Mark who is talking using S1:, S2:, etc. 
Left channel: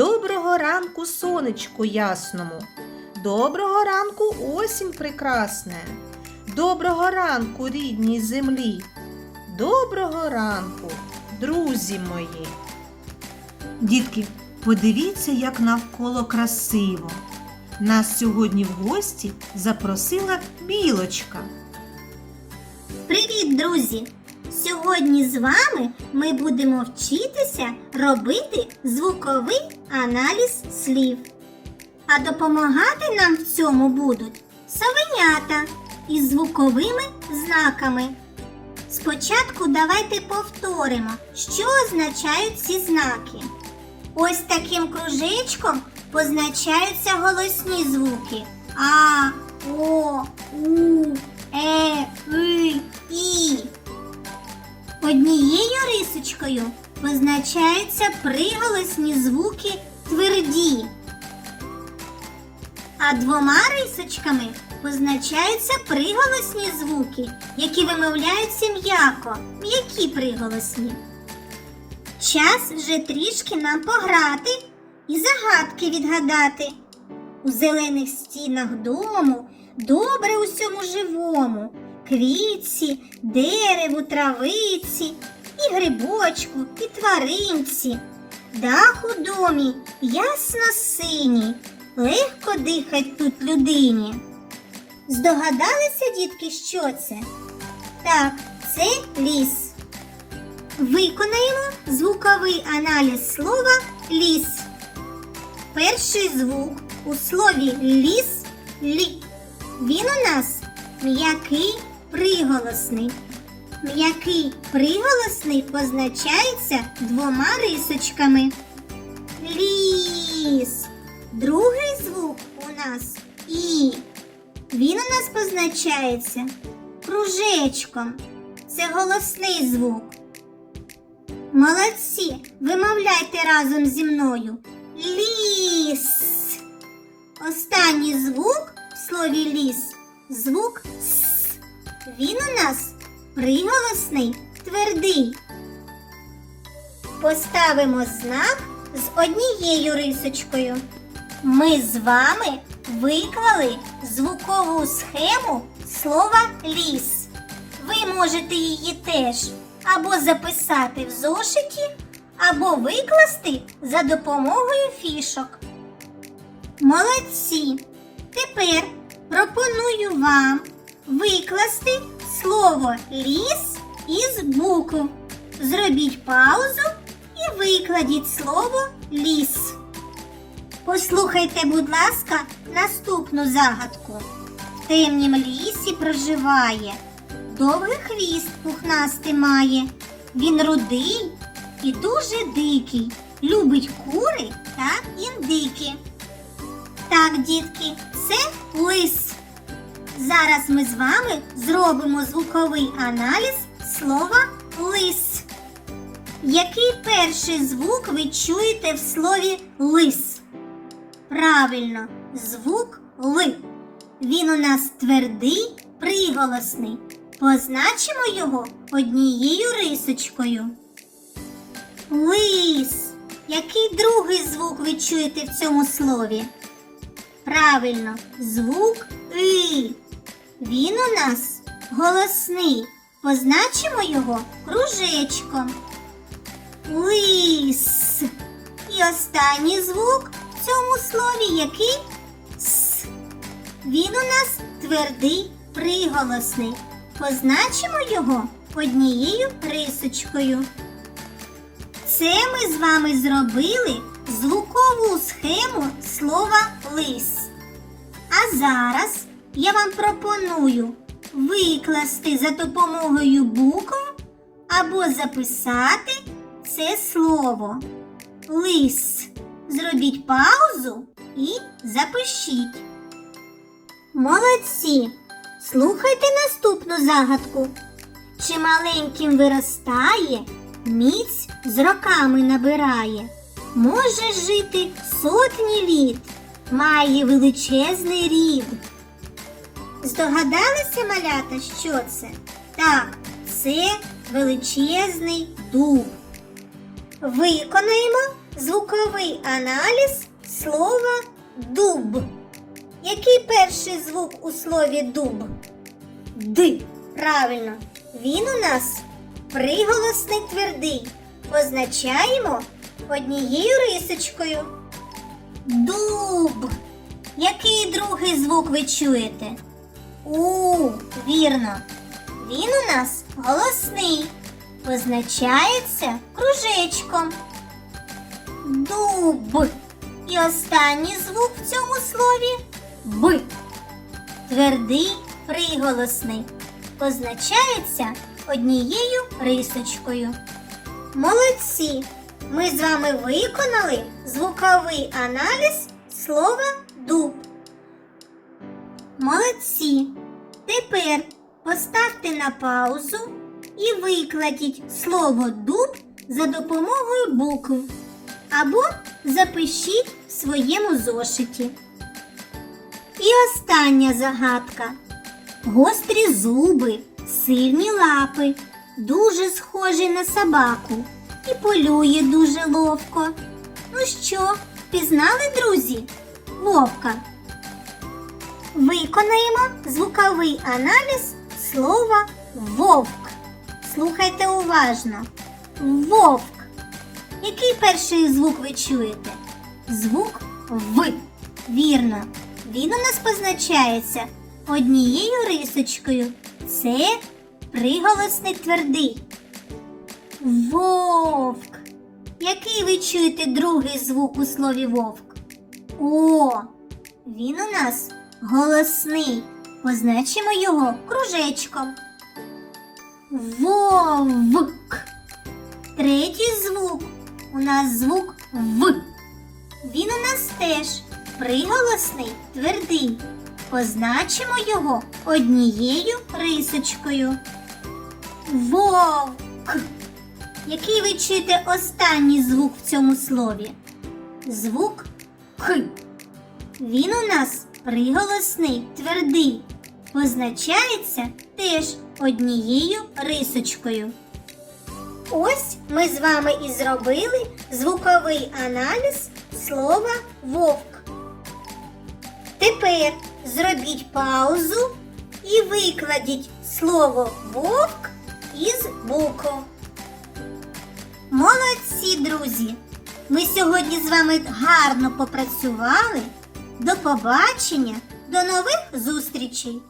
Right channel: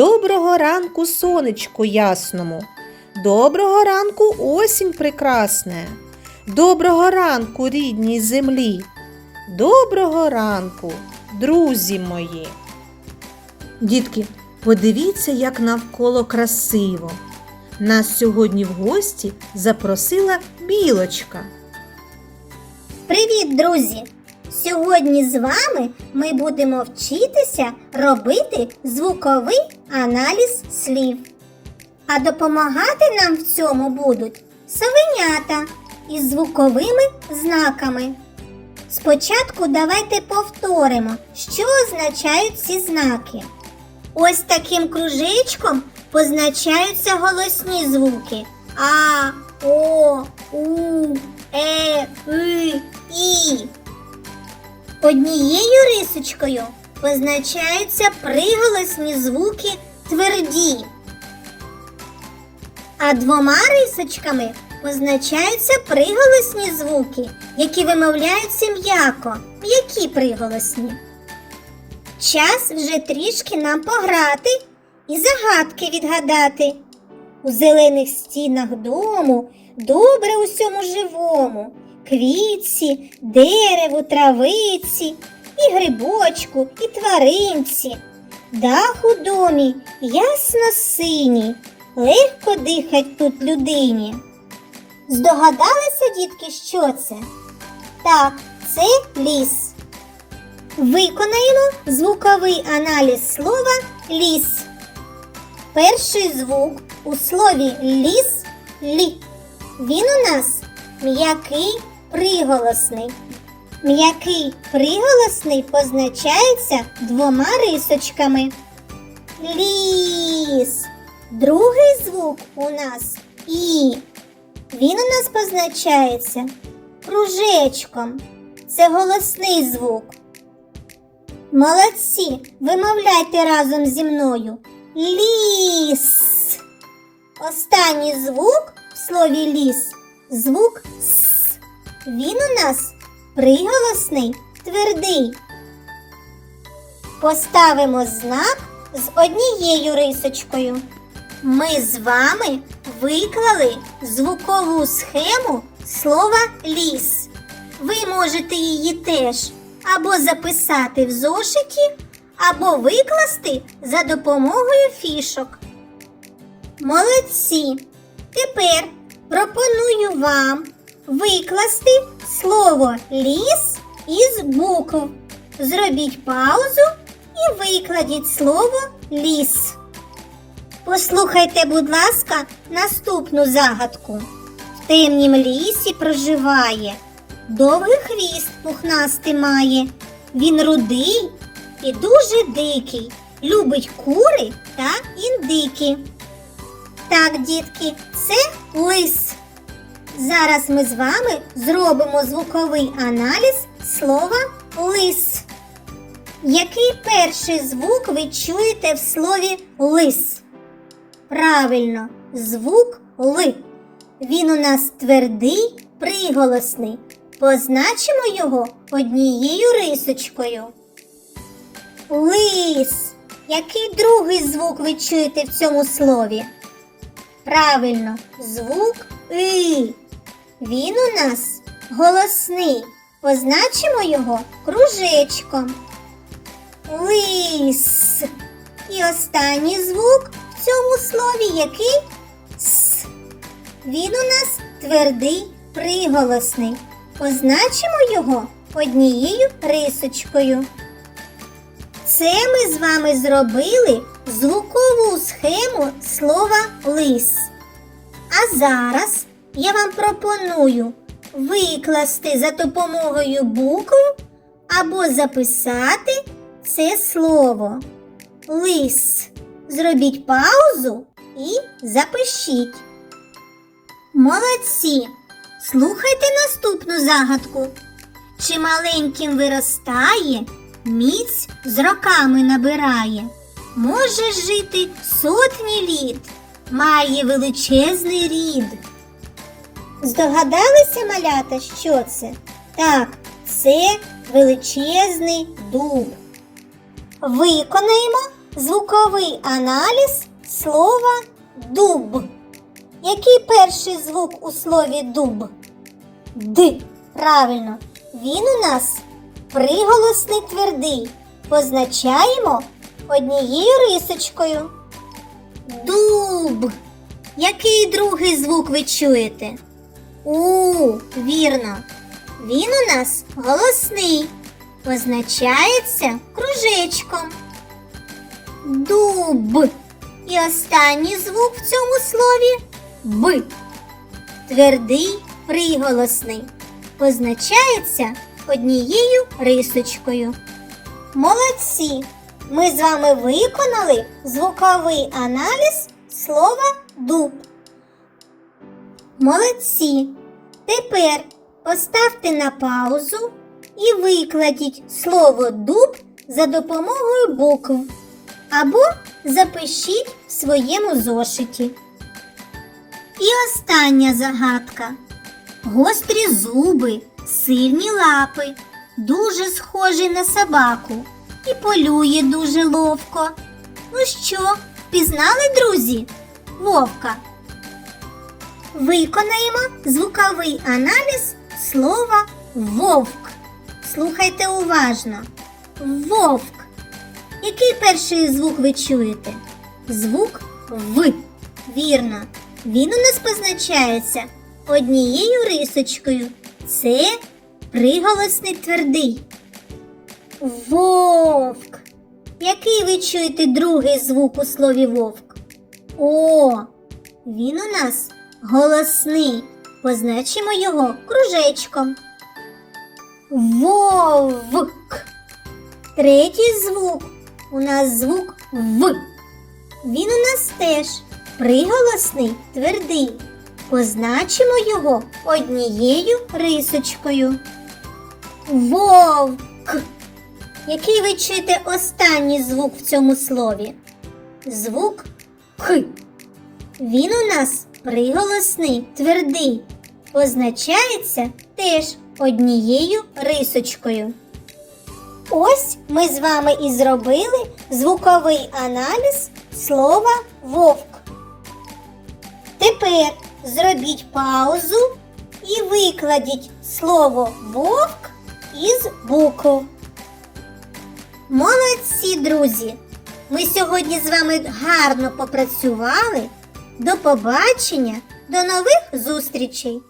S1: Доброго ранку сонечку ясному. Доброго ранку осінь прекрасне. Доброго ранку рідній землі. Доброго ранку, друзі мої. Дітки, подивіться, як навколо красиво. Нас сьогодні в гості запросила білочка.
S2: Привіт, друзі! Сьогодні з вами ми будемо вчитися робити звуковий аналіз слів. А допомагати нам в цьому будуть совенята із звуковими знаками. Спочатку давайте повторимо, що означають ці знаки. Ось таким кружечком позначаються голосні звуки А, О, У, Е, И, І. Однією рисочкою позначаються приголосні звуки тверді. А двома рисочками позначаються приголосні звуки, які вимовляються м'яко. М'які приголосні. Час вже трішки нам пограти і загадки відгадати. У зелених стінах дому добре усьому живому, квітці, дереву, травиці, і грибочку, і тваринці. Дах у домі ясно синій, легко дихать тут людині. Здогадалися, дітки, що це? Так, це ліс. Виконаємо звуковий аналіз слова ліс. Перший звук у слові ліс лі. Він у нас м'який приголосний. М'який приголосний позначається двома рисочками. Ліс. Другий звук у нас і. Він у нас позначається кружечком. Це голосний звук. Молодці, вимовляйте разом зі мною. Ліс. Останній звук в слові ліс звук С. Він у нас приголосний твердий. Поставимо знак з однією рисочкою. Ми з вами виклали звукову схему слова ліс. Ви можете її теж або записати в зошиті, або викласти за допомогою фішок. Молодці! Тепер пропоную вам викласти слово ліс із букв. Зробіть паузу і викладіть слово ліс. Послухайте, будь ласка, наступну загадку. В темнім лісі проживає, довгий хвіст пухнастий має. Він рудий і дуже дикий, любить кури та індики. Так, дітки, це лис. Зараз ми з вами зробимо звуковий аналіз слова лис. Який перший звук ви чуєте в слові лис? Правильно, звук Л. Він у нас твердий, приголосний. Позначимо його однією рисочкою. Лис. Який другий звук ви чуєте в цьому слові? Правильно, звук И. Він у нас голосний. Позначимо його кружечком. Лис. І останній звук в цьому слові який С. Він у нас твердий приголосний. Позначимо його однією рисочкою. Це ми з вами зробили звукову схему слова лис. А зараз я вам пропоную викласти за допомогою букв або записати це слово. Лис. Зробіть паузу і запишіть. Молодці! Слухайте наступну загадку. Чи маленьким виростає, міць з роками набирає, може жити сотні літ, має величезний рід. Здогадалися, малята, що це? Так, це величезний дуб. Виконаємо звуковий аналіз слова дуб. Який перший звук у слові дуб? Д. Правильно. Він у нас приголосний твердий. Позначаємо однією рисочкою. Дуб. Який другий звук ви чуєте? У, вірно. Він у нас голосний. Позначається кружечком. Дуб. І останній звук в цьому слові Б. Твердий приголосний. Позначається однією рисочкою. Молодці! Ми з вами виконали звуковий аналіз слова дуб. Молодці! Тепер поставте на паузу і викладіть слово дуб за допомогою букв або запишіть в своєму зошиті. І остання загадка. Гострі зуби, сильні лапи, дуже схожий на собаку і полює дуже ловко. Ну що, впізнали, друзі? Вовка. Виконаємо звуковий аналіз слова вовк. Слухайте уважно. Вовк. Який перший звук ви чуєте? Звук В. Вірно. Він у нас позначається однією рисочкою. Це приголосний твердий. Вовк. Який ви чуєте другий звук у слові вовк? О, він у нас голосний. Позначимо його кружечком. Вовк. Третій звук у нас звук В. Він у нас теж приголосний твердий. Позначимо його однією рисочкою. Вовк. Який ви чуєте останній звук в цьому слові? Звук Х. Він у нас приголосний твердий. Позначається теж однією рисочкою. Ось ми з вами і зробили звуковий аналіз слова вовк. Тепер зробіть паузу і викладіть слово вовк із букв. Молодці, друзі! Ми сьогодні з вами гарно попрацювали. До побачення, до нових зустрічей!